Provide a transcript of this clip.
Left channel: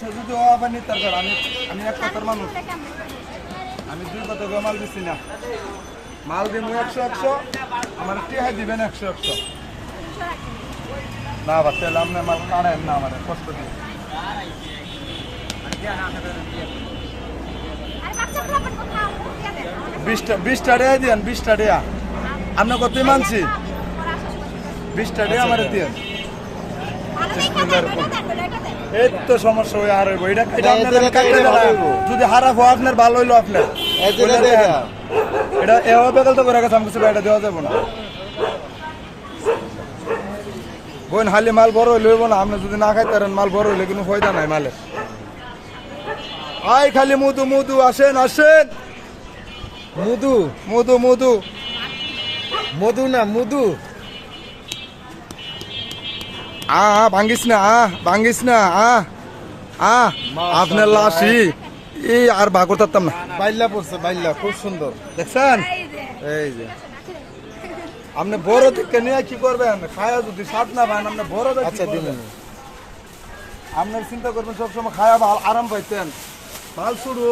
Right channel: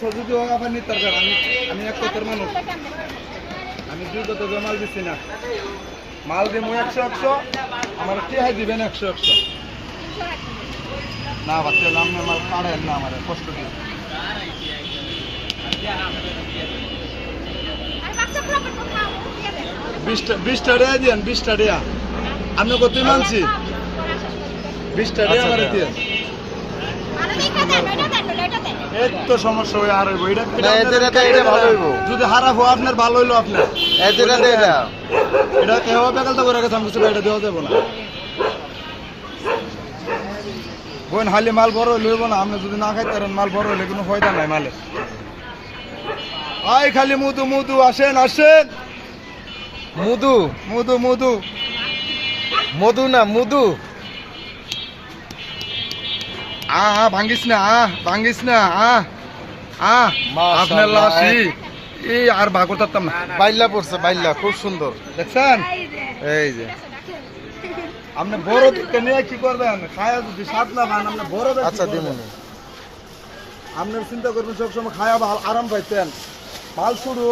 যদিও আবার নিতে পারবেন, আমি এক কথার মানুষ, আমি দুই কথা মাল দিচ্ছি না, মাল দিব 100 আমার টিহাই দিবেন 100 না বাচ্চা আপনি মাল কাড়েন না আমার কষ্ট নেই। 20টা টাকা দিন, 20টা টাকা আপনি কত মানছি, 20টা টাকা আমার দিয়ে এই তো সমস্যা হয়ে আর হইব। এটা ভালো হইব, যদি খারাপ হয় আপনার ভালো হইলো আপনার এটা এভাবে বেকাল তো করে গেছে, আমি কিছু এটা দেওয়া যাবো না। বোন হালি মাল বড় হইলে হইব না, আপনি যদি না খাইতে পারেন মাল বড় হইলে কোনো ফায়দা নাই মালে। আই খালি মধু মধু আসেন আসেন, মধু মধু মধু মধু না মধু। ভাঙ্গিস না ভাঙ্গিস না আপনার লাশি এই আর ভাগ করতাম না। বাইল্লা পড়ছে, বাইল্লা খুব সুন্দর দেখছেন, এই যে। আপনি বড় দিকে নিয়ে কি করবেন, খায়া যদি স্বাদ না পান আপনি বড় দেখে আচ্ছা কি দিমুন। করবেন? আপনার চিন্তা করবেন সবসময় খায়া আরাম পাইতেন ভাল শুরু